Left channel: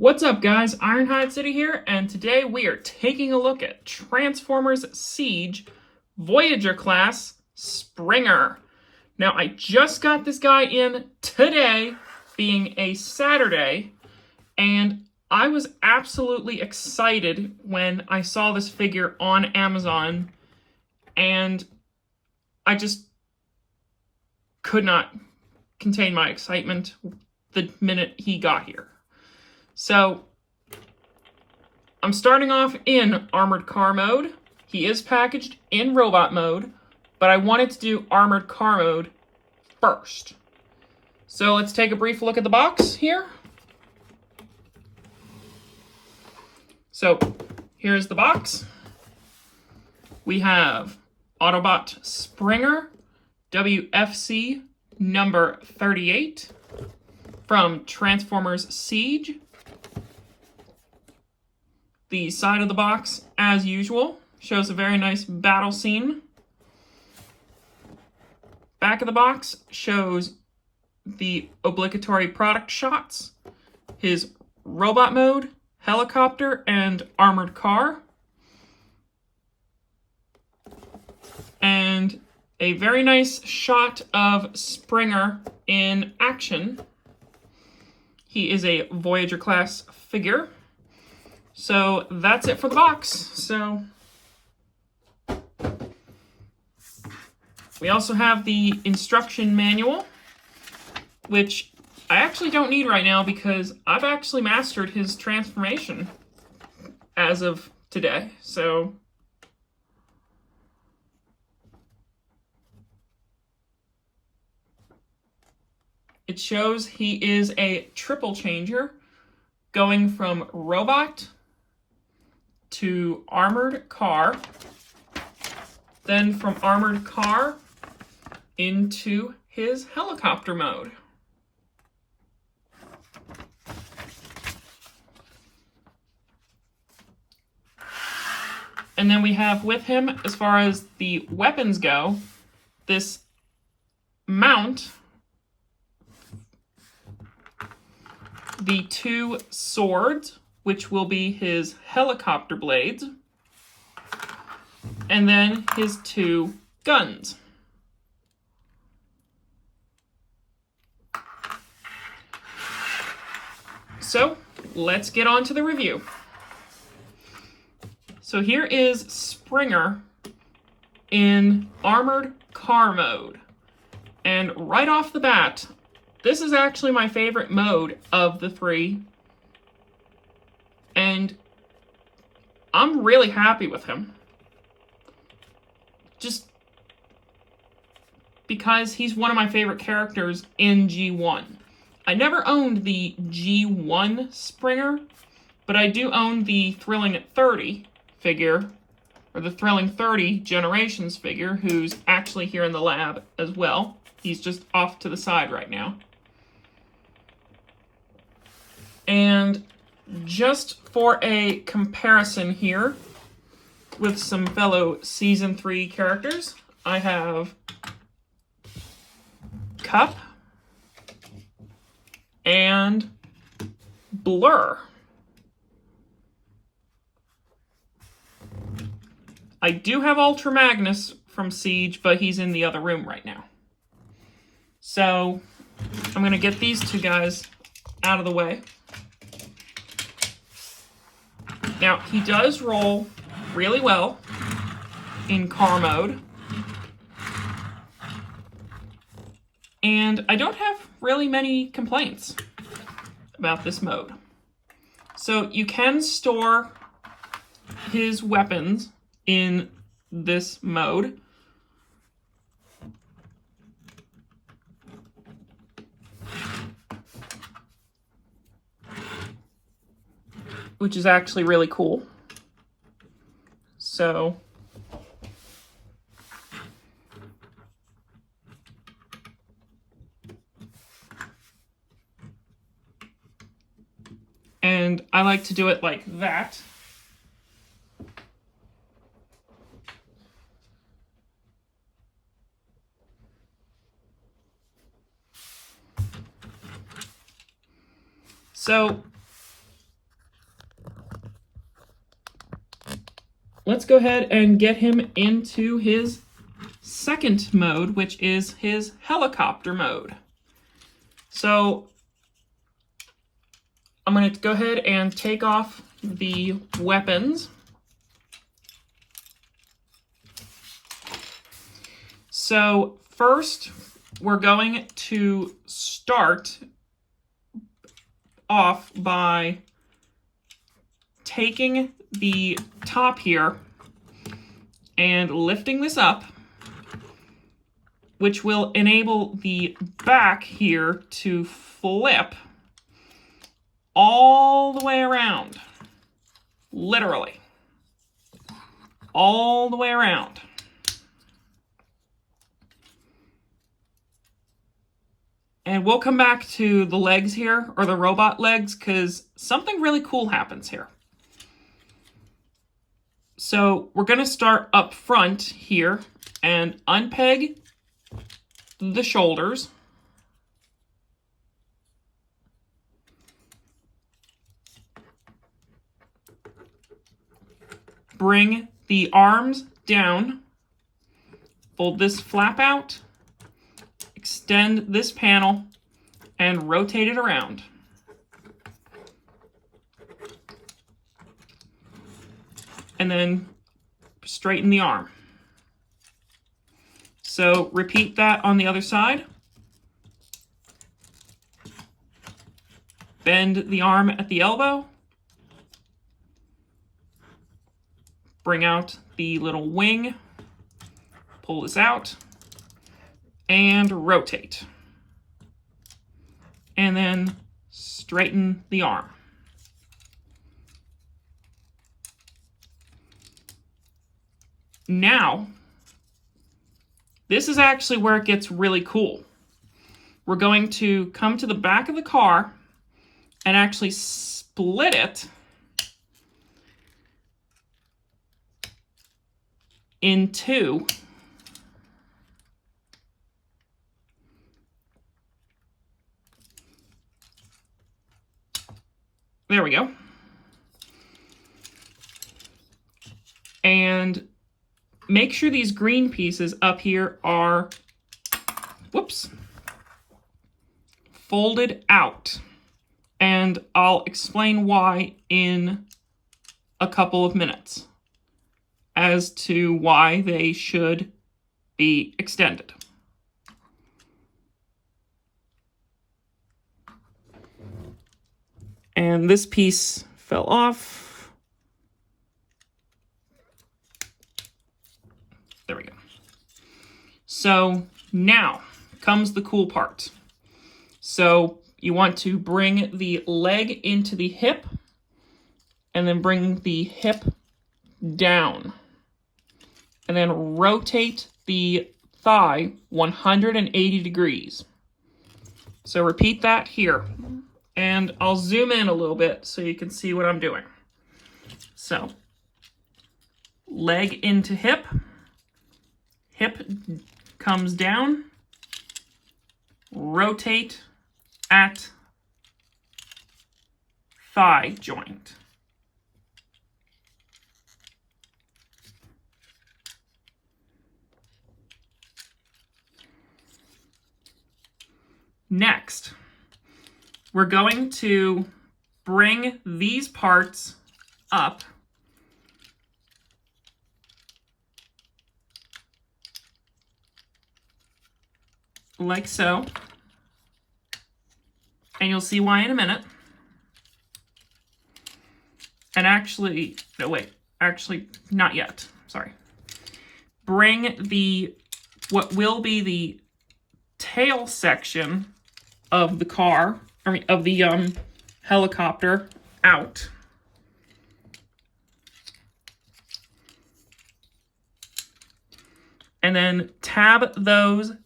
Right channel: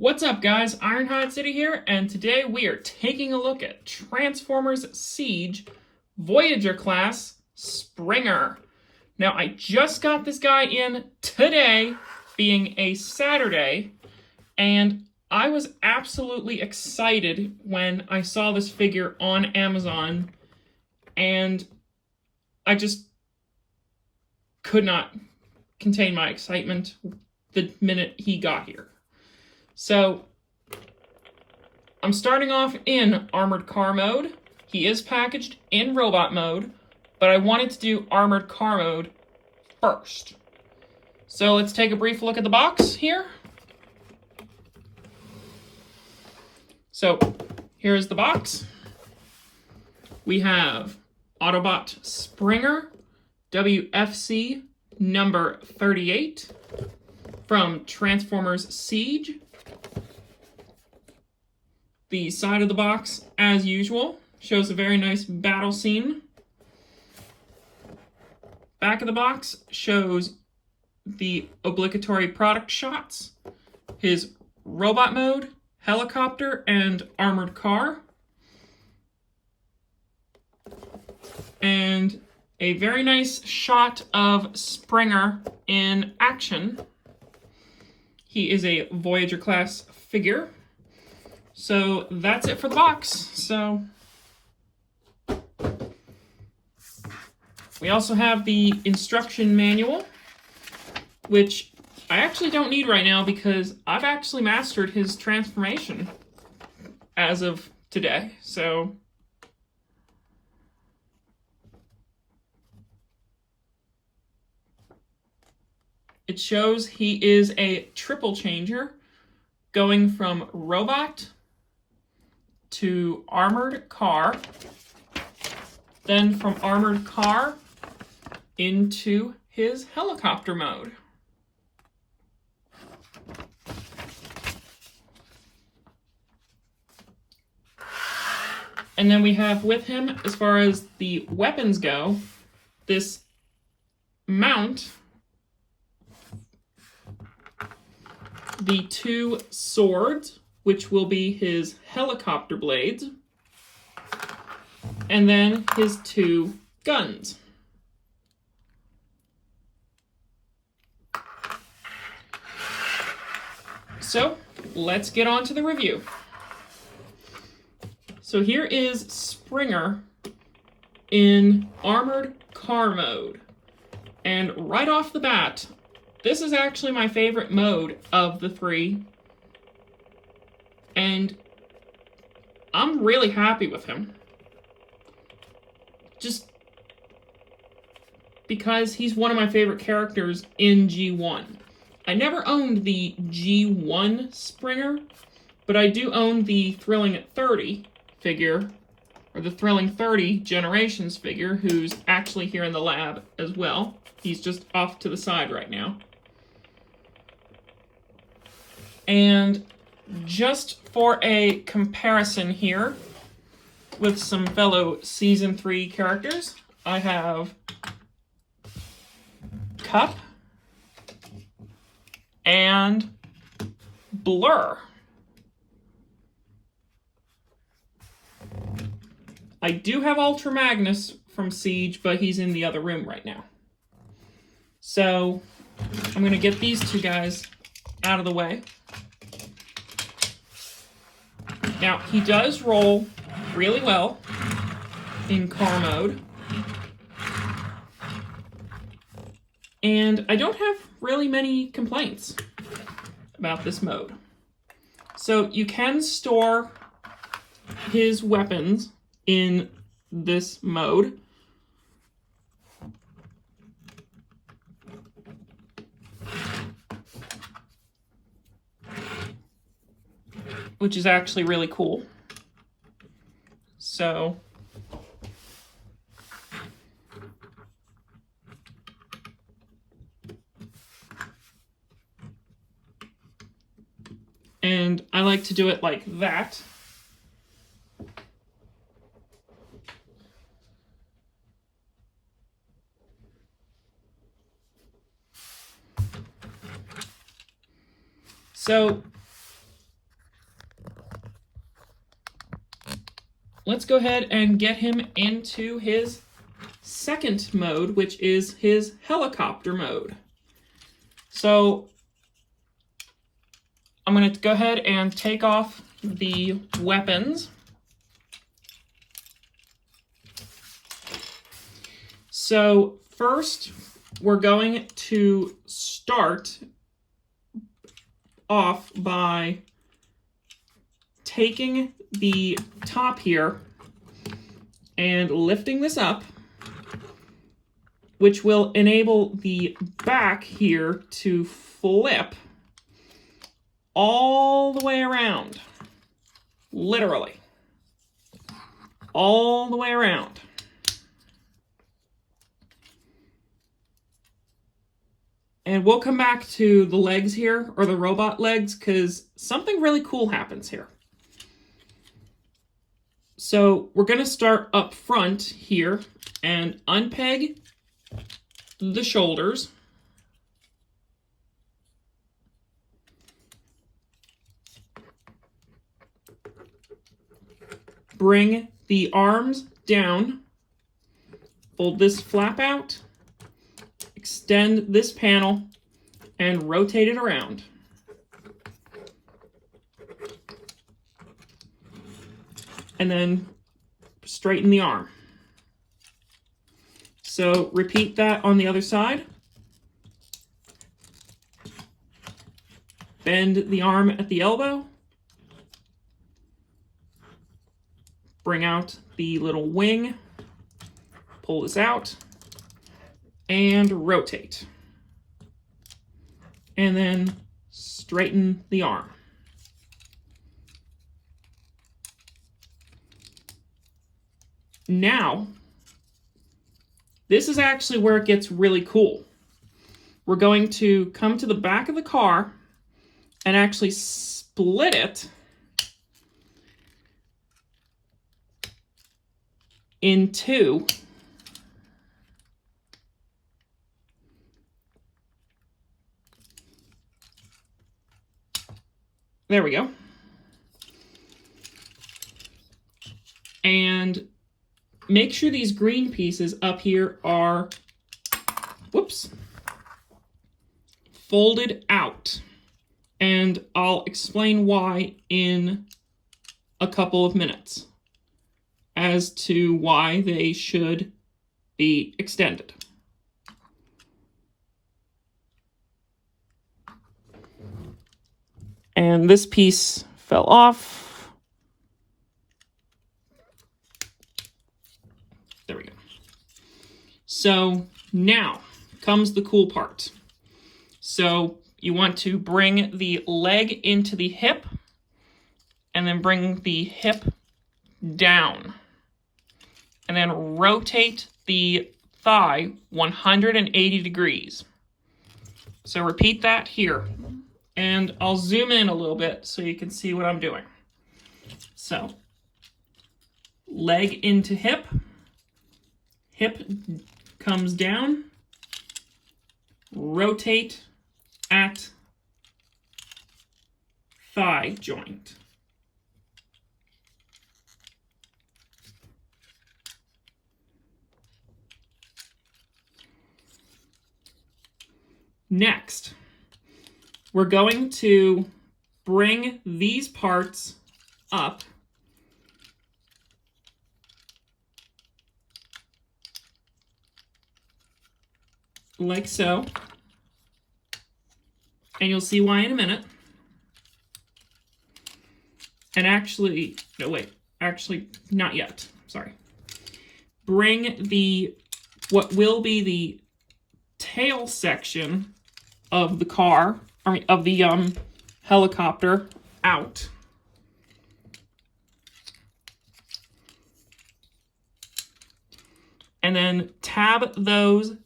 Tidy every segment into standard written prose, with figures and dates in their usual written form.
What's up, guys? Ironhide City here, and today we are taking a look at Transformers Siege Voyager Class Springer. Now, I just got this guy in today, being a Saturday, and I was absolutely excited when I saw this figure on Amazon, and I just could not contain my excitement the minute he got here. So, I'm starting off in Armored Car mode. He is packaged in Robot mode, but I wanted to do Armored Car mode first. So let's take a brief look at the box here. So, here's the box. We have Autobot Springer, WFC number 38, from Transformers Siege. The side of the box, as usual, shows a very nice battle scene. Back of the box shows the obligatory product shots, his robot mode, helicopter, and armored car. And a very nice shot of Springer in action. He is a Voyager class figure. So that's it for the box. So we also have the instruction manual, which I actually don't need right now because I've actually mastered his transformation as of today. So it shows he is a triple changer going from robot to armored car, then from armored car into his helicopter mode. And then we have with him, as far as the weapons go, this mount, the two swords, which will be his helicopter blades, and then his two guns. So, let's get on to the review. So here is Springer in Armored Car mode. And right off the bat, this is actually my favorite mode of the three. And I'm really happy with him. Just because he's one of my favorite characters in G1. I never owned the G1 Springer, but I do own the Thrilling 30 figure, or the Thrilling 30 Generations figure, who's actually here in the lab as well. He's just off to the side right now. And just for a comparison here with some fellow Season 3 characters, I have Kup and Blur. I do have Ultra Magnus from Siege, but he's in the other room right now. So I'm going to get these two guys out of the way. Now, he does roll really well in car mode. And I don't have really many complaints about this mode. So you can store his weapons in this mode. Which is actually really cool. So and I like to do it like that. So let's go ahead and get him into his second mode, which is his helicopter mode. So I'm going to go ahead and take off the weapons. So first, we're going to start off by taking the top here and lifting this up, which will enable the back here to flip all the way around. Literally. All the way around. And we'll come back to the legs here, or the robot legs, because something really cool happens here. So we're going to start up front here and unpeg the shoulders. Bring the arms down. Fold this flap out. Extend this panel and rotate it around. And then straighten the arm. So repeat that on the other side. Bend the arm at the elbow. Bring out the little wing. Pull this out. And rotate. And then straighten the arm. Now, this is actually where it gets really cool. We're going to come to the back of the car and actually split it in two. There we go. And make sure these green pieces up here are, whoops, folded out. And I'll explain why in a couple of minutes as to why they should be extended. And this piece fell off. There we go. So now comes the cool part. So you want to bring the leg into the hip and then bring the hip down. And then rotate the thigh 180 degrees. So repeat that here. And I'll zoom in a little bit so you can see what I'm doing. So, leg into hip. Hip comes down. Rotate at thigh joint. Next, we're going to bring these parts up like so. And you'll see why in a minute. And actually, no wait, actually not yet, sorry. Bring the, what will be the tail section of the car, I mean, of the helicopter out. And then tab those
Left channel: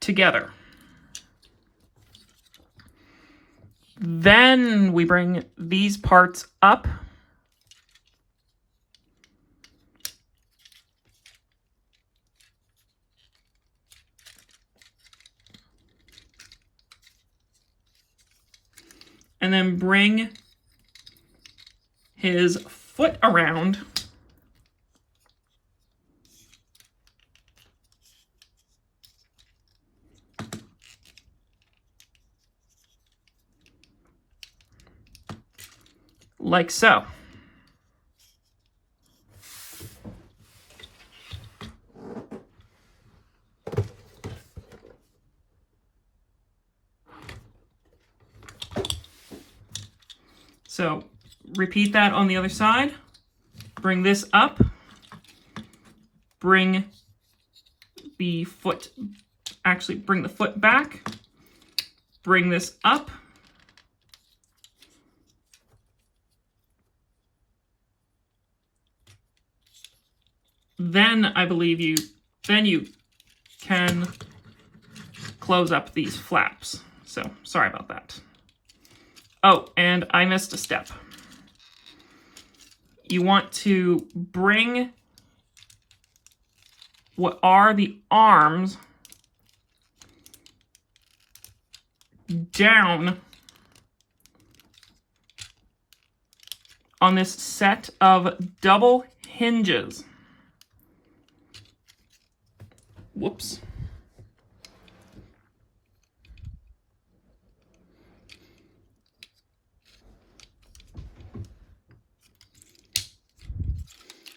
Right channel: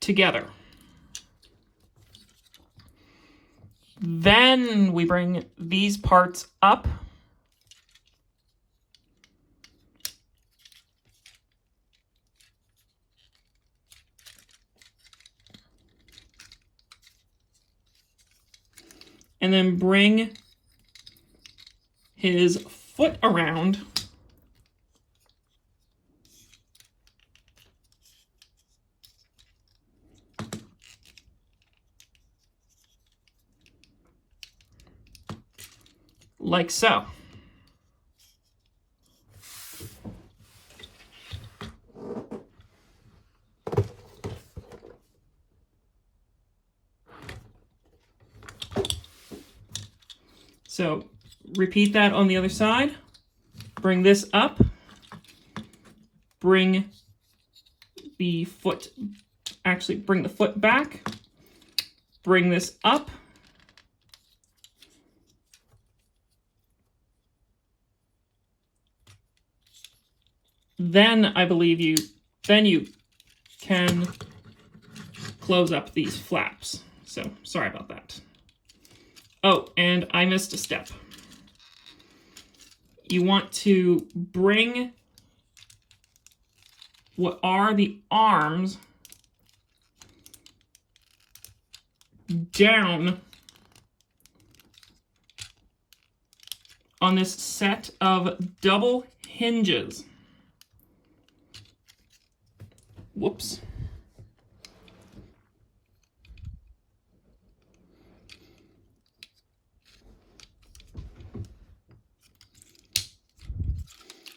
together. Then we bring these parts up. And then bring his foot around like so. So repeat that on the other side. Bring this up. Bring the foot, actually bring the foot back. Bring this up. Then I believe you can close up these flaps. So sorry about that. Oh, and I missed a step. You want to bring what are the arms down on this set of double hinges. Whoops.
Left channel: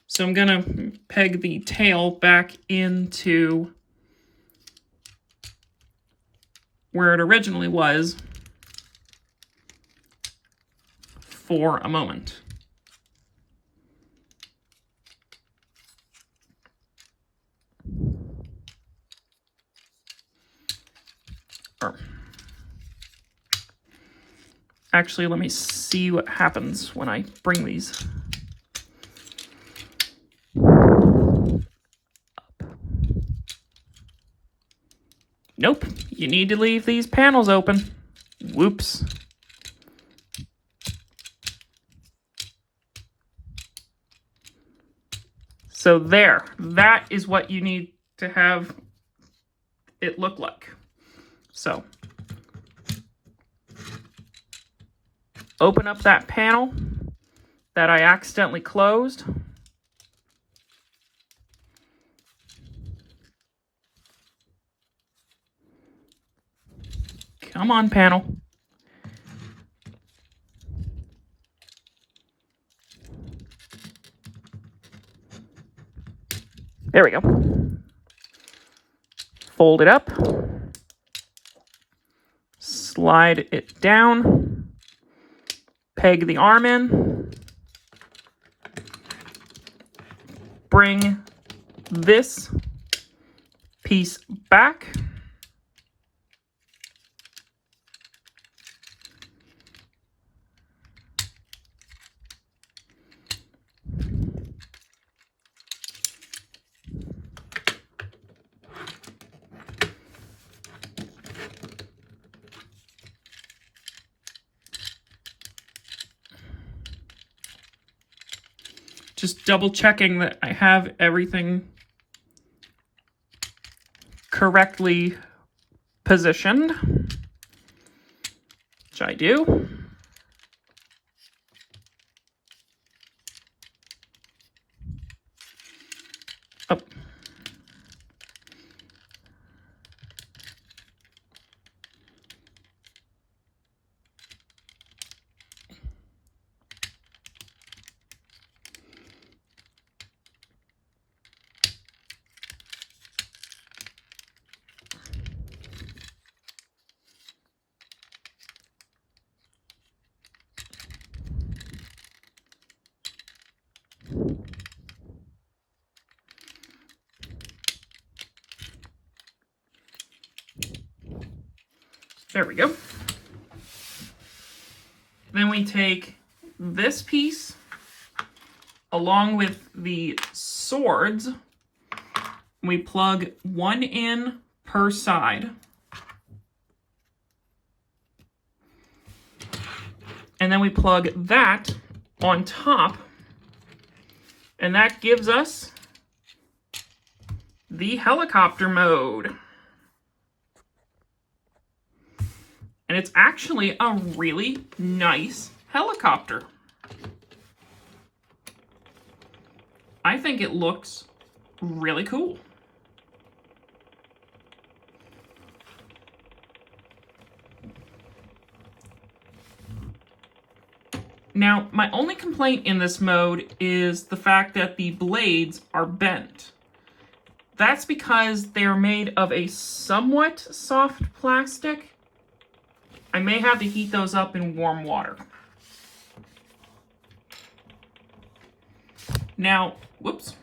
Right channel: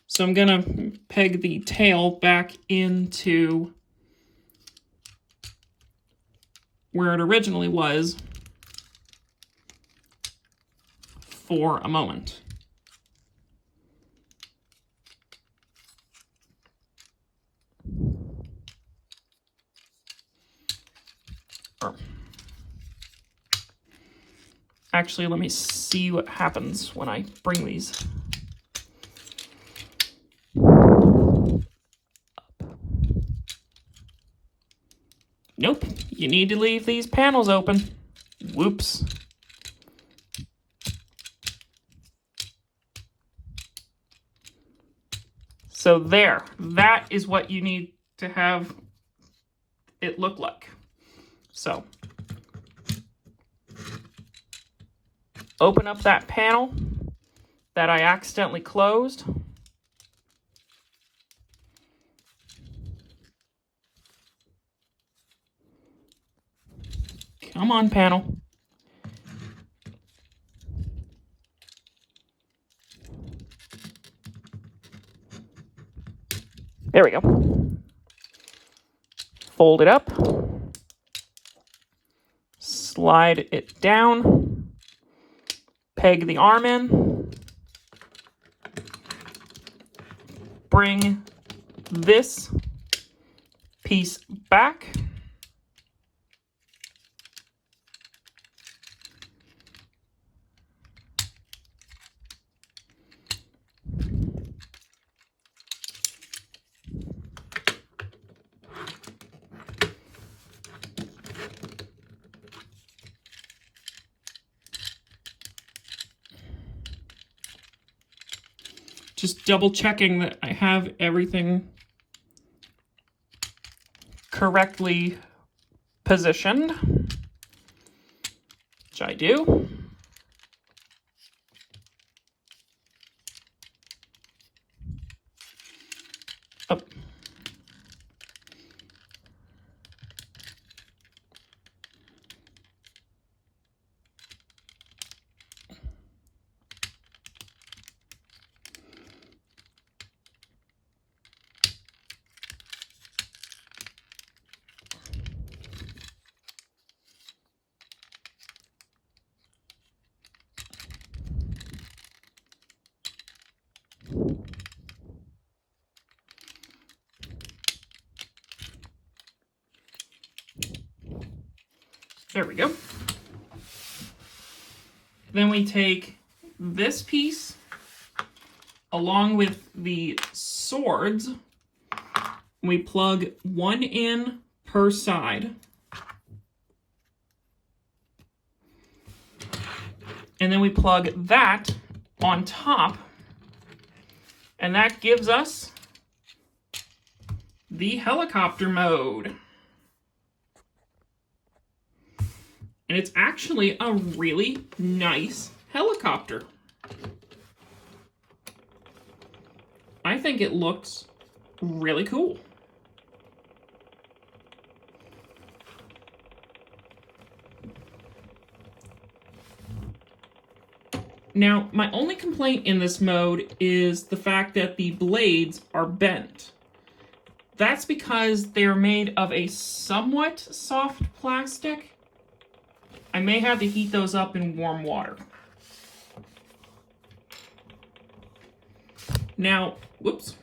So I'm going to peg the tail back into where it originally was for a moment. Actually, let me see what happens when I bring these up. Nope, you need to leave these panels open. Whoops. So there, that is what you need to have it look like. So open up that panel that I accidentally closed. Come on, panel. There we go. Fold it up. Slide it down. Peg the arm in. Bring this piece back. Just double checking that I have everything correctly positioned, which I do. Up. There we go. Then we take this piece along with the swords. We plug one in per side. And then we plug that on top. And that gives us the helicopter mode. And it's actually a really nice helicopter. I think it looks really cool. Now, my only complaint in this mode is the fact that the blades are bent. That's because they're made of a somewhat soft plastic. I may have to heat those up in warm water. Now, whoops.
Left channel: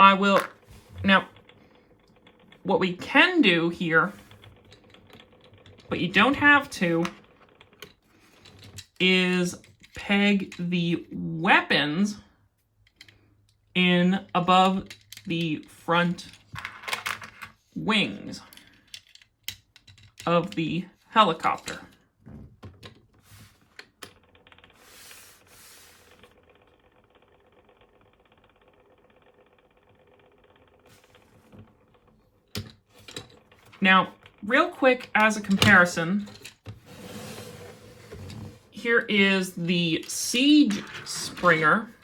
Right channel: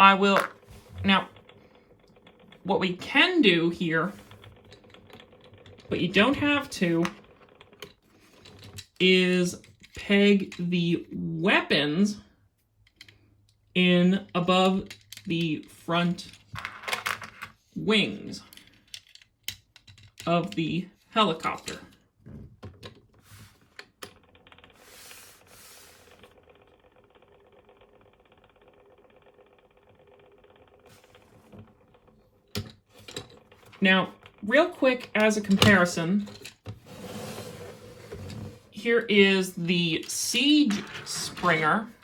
Now, what we can do here, but you don't have to, is peg the weapons in above the front wings of the helicopter. Now, real quick as a comparison, here is the Siege Springer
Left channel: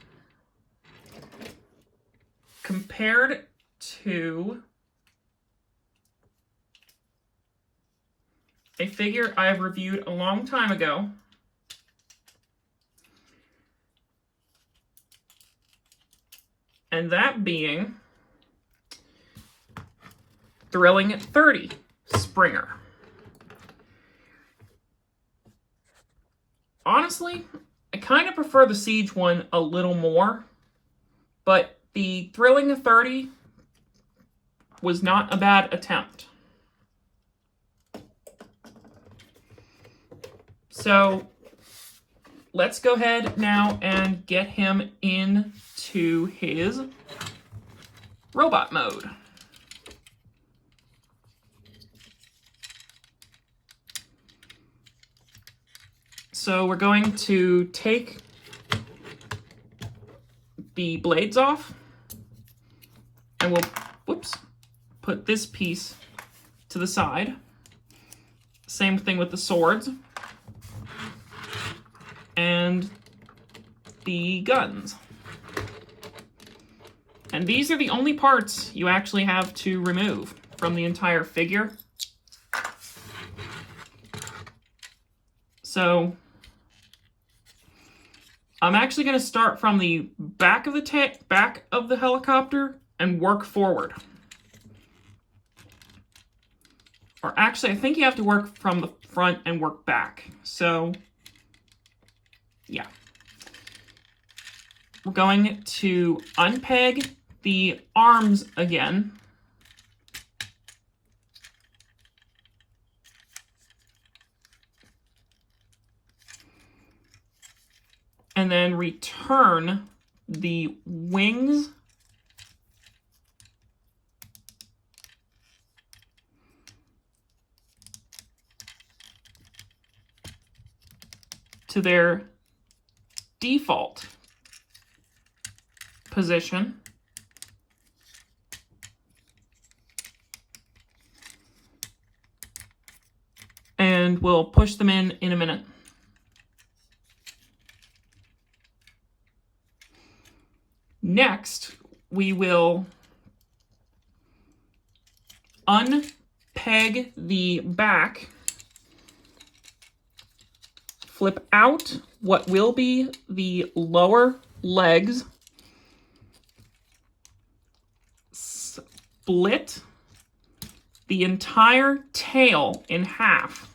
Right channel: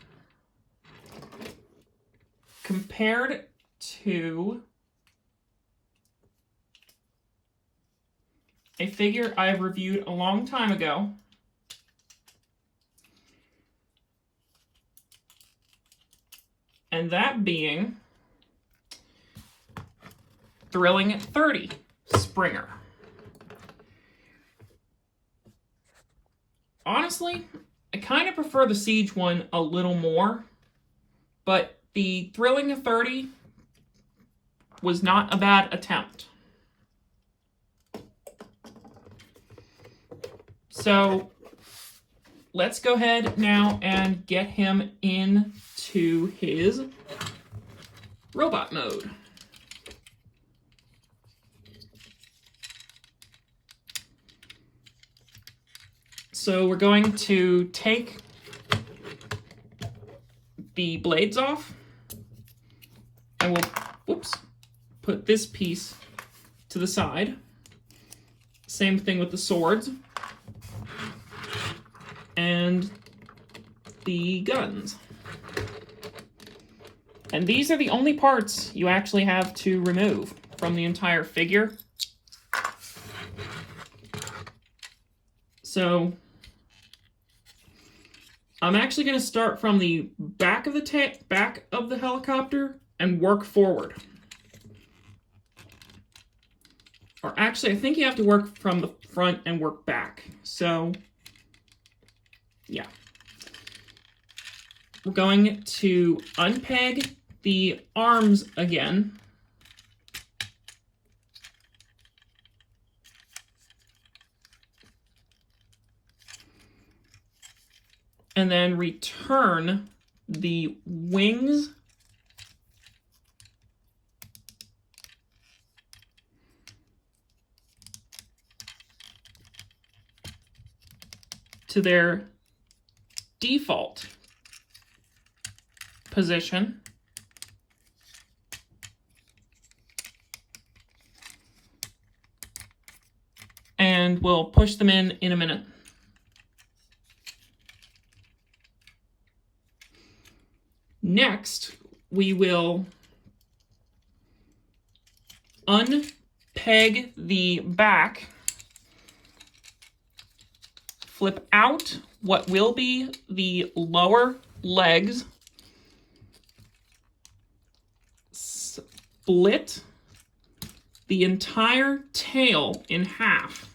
compared to a figure I have reviewed a long time ago. And that being Thrilling 30 Springer. Honestly, I kind of prefer the Siege one a little more, but the Thrilling 30 was not a bad attempt. So let's go ahead now and get him into his robot mode. So we're going to take the blades off, and we'll, put this piece to the side. Same thing with the swords and the guns. And these are the only parts you actually have to remove from the entire figure. So I'm actually going to start from the back of the helicopter and work forward. Or actually, I think you have to work from the front and work back. So, yeah. We're going to unpeg the arms again. And then return the wings to their default position. And we'll push them in a minute. Next, we will unpeg the back, flip out what will be the lower legs, split the entire tail in half,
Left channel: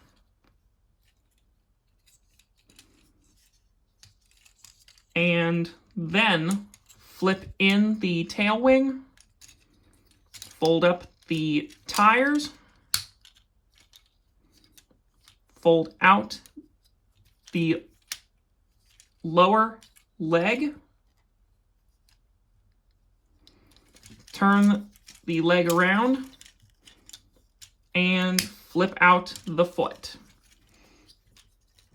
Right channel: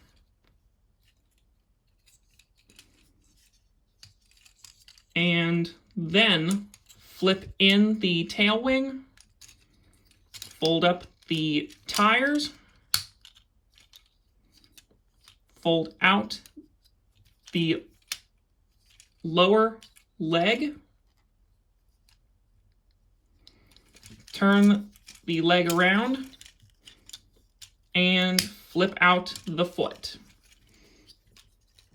and then flip in the tail wing, fold up the tires, fold out the lower leg, turn the leg around, and flip out the foot.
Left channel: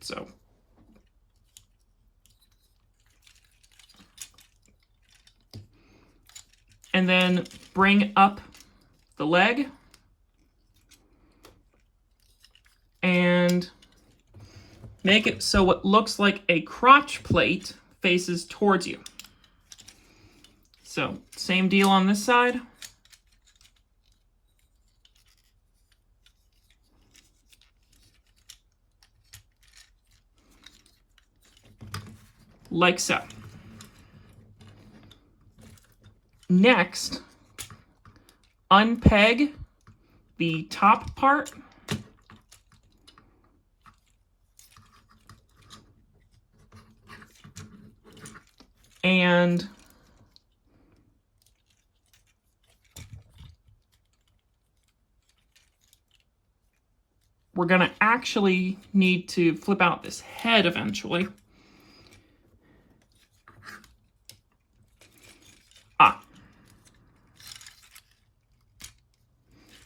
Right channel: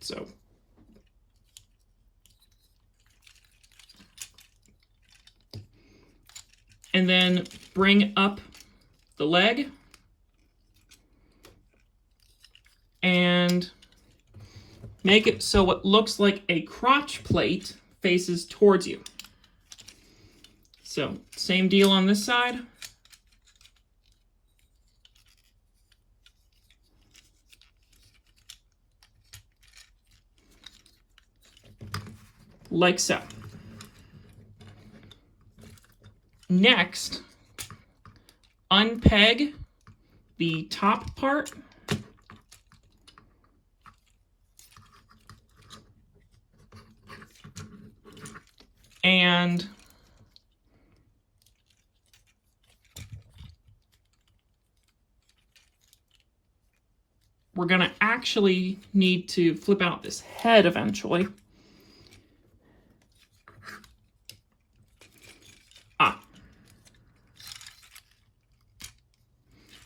So and then bring up the leg and make it so it looks like a crotch plate faces towards you. So same deal on this side. like so. Next, unpeg the top part and we're going to actually need to flip out this head eventually.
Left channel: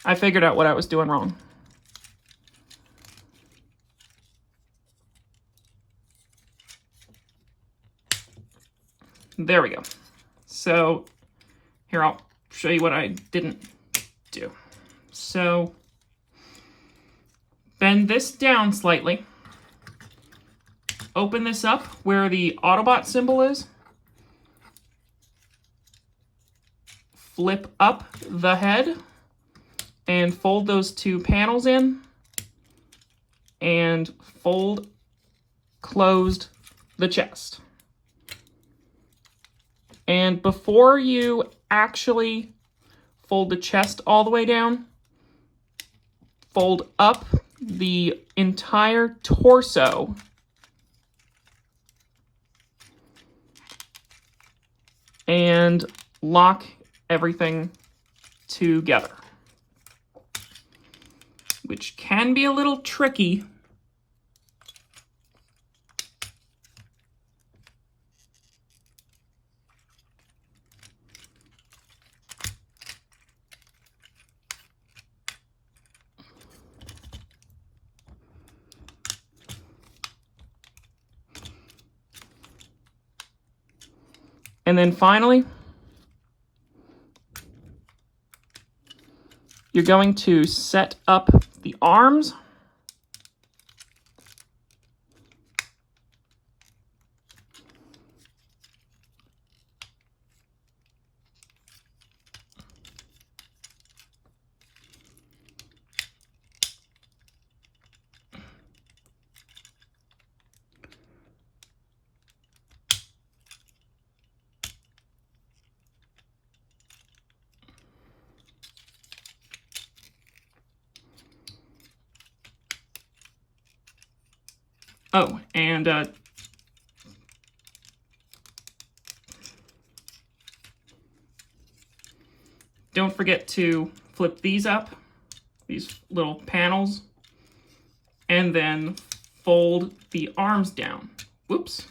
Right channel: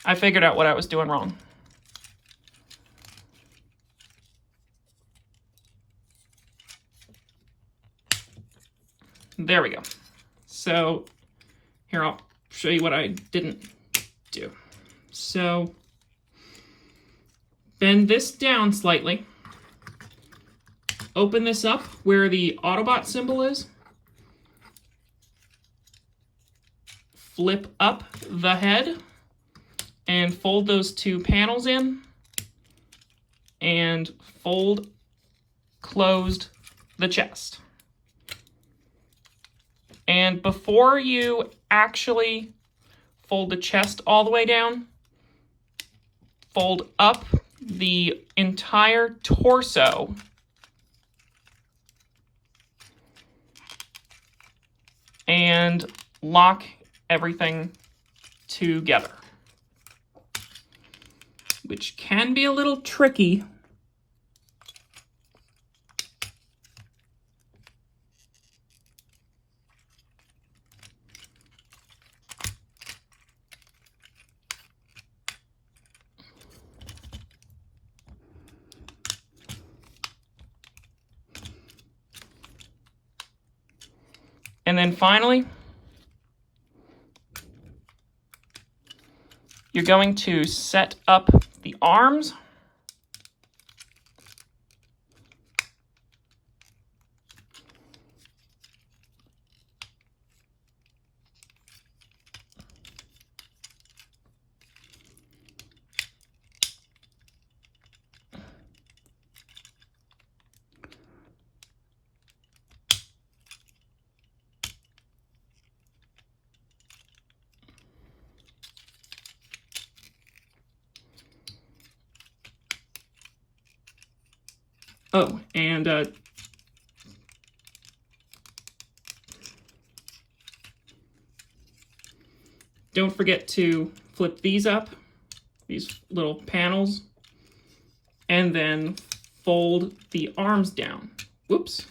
I figured out what I was doing wrong. There we go. So here, I'll show you what I didn't do. So bend this down slightly. Open this up where the Autobot symbol is. Flip up the head and fold those two panels in and fold closed the chest. And before you actually fold the chest all the way down, fold up the entire torso and lock everything together, which can be a little tricky. And then finally, you're going to set up the arms. Oh, and don't forget to flip these up, these little panels, and then fold the arms down. Whoops.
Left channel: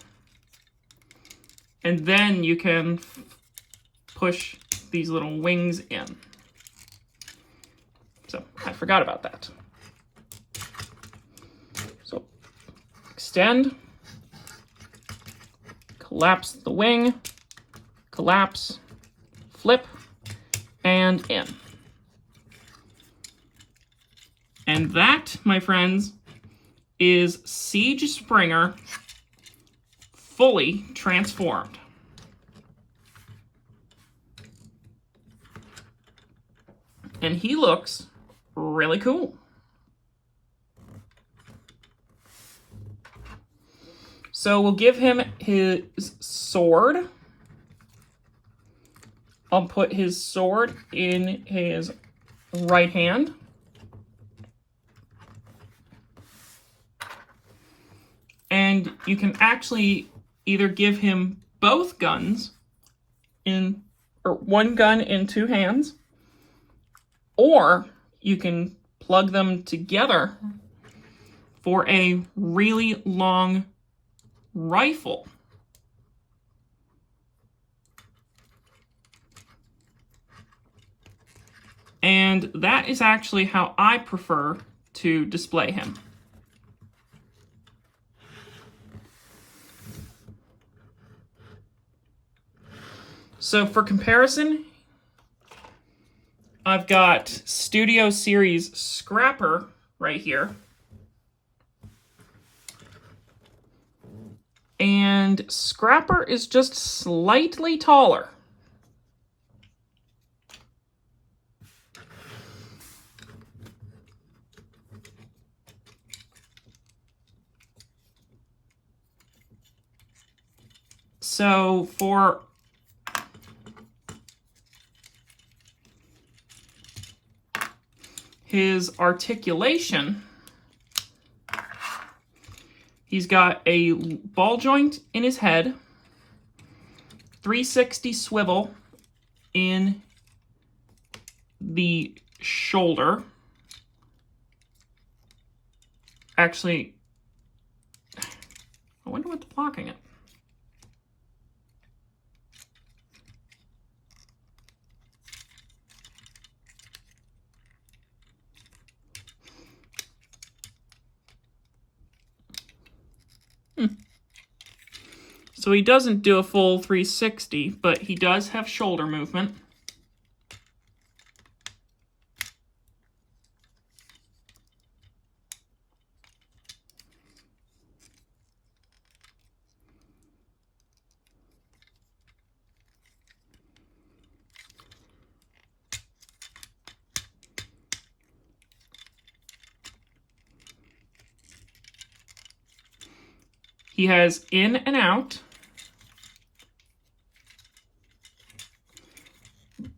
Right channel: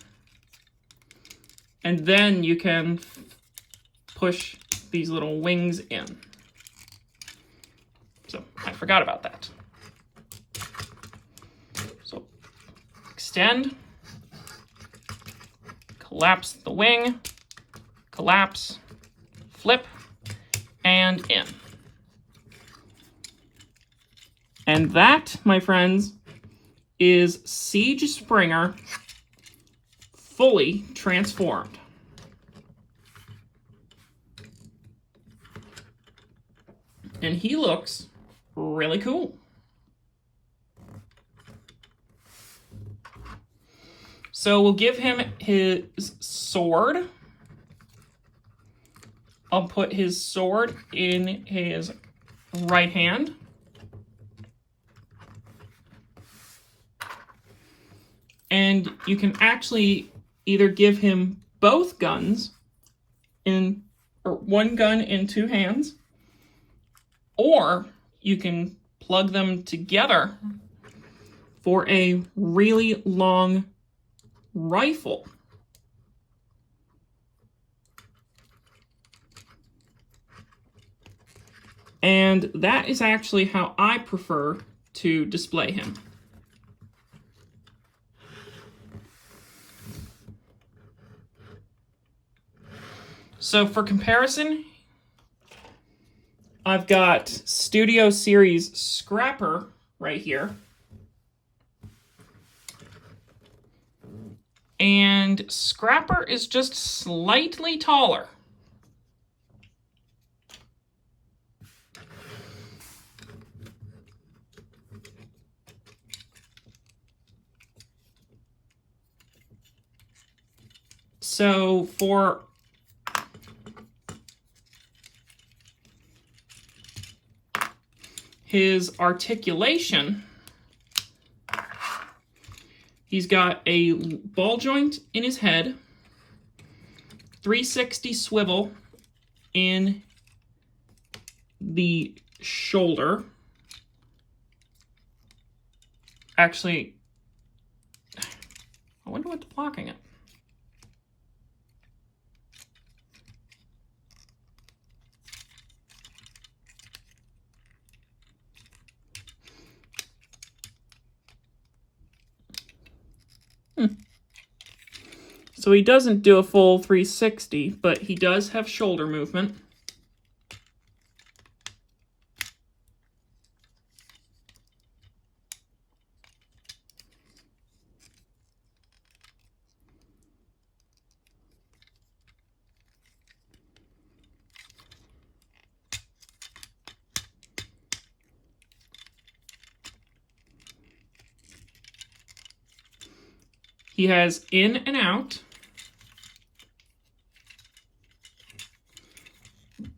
And then you can push these little wings in. So I forgot about that. So extend, collapse the wing, collapse, flip, and in. And that, my friends, is Siege Springer fully transformed. And he looks really cool. So we'll give him his sword. I'll put his sword in his right hand. And you can actually either give him both guns or one gun in two hands, or you can plug them together for a really long rifle. And that is actually how I prefer to display him. So for comparison, I've got Studio Series Scrapper right here. And Scrapper is just slightly taller. So for his articulation, he's got a ball joint in his head, 360 swivel in the shoulder. Actually, I wonder what's blocking it. So he doesn't do a full 360, but he does have shoulder movement. He has in and out,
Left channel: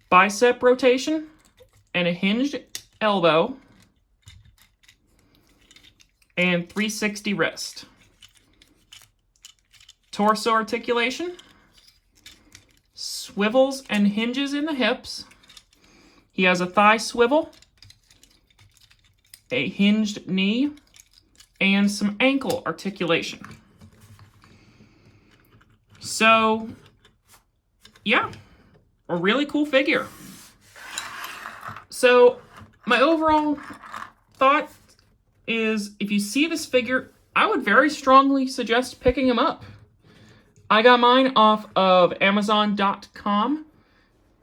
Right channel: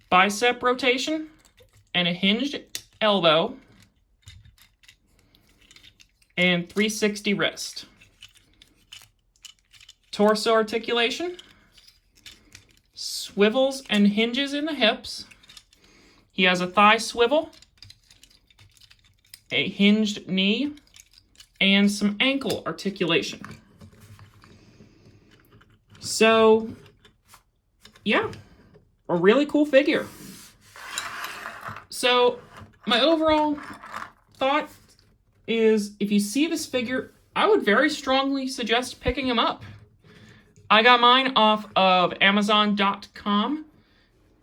bicep rotation, and a hinged elbow, and 360 wrist. Torso articulation, swivels and hinges in the hips. He has a thigh swivel, a hinged knee, and some ankle articulation. So, yeah, a really cool figure. So, my overall thought is if you see this figure, I would very strongly suggest picking him up. I got mine off of Amazon.com.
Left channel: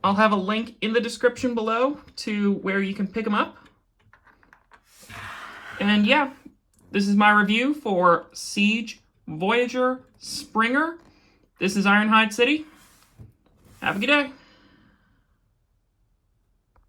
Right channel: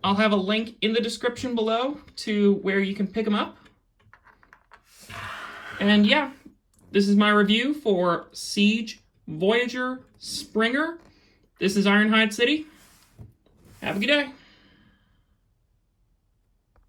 I'll have a link in the description below to where you can pick him up. And yeah, this is my review for Siege Voyager Springer. This is Ironhide City. Have a good day.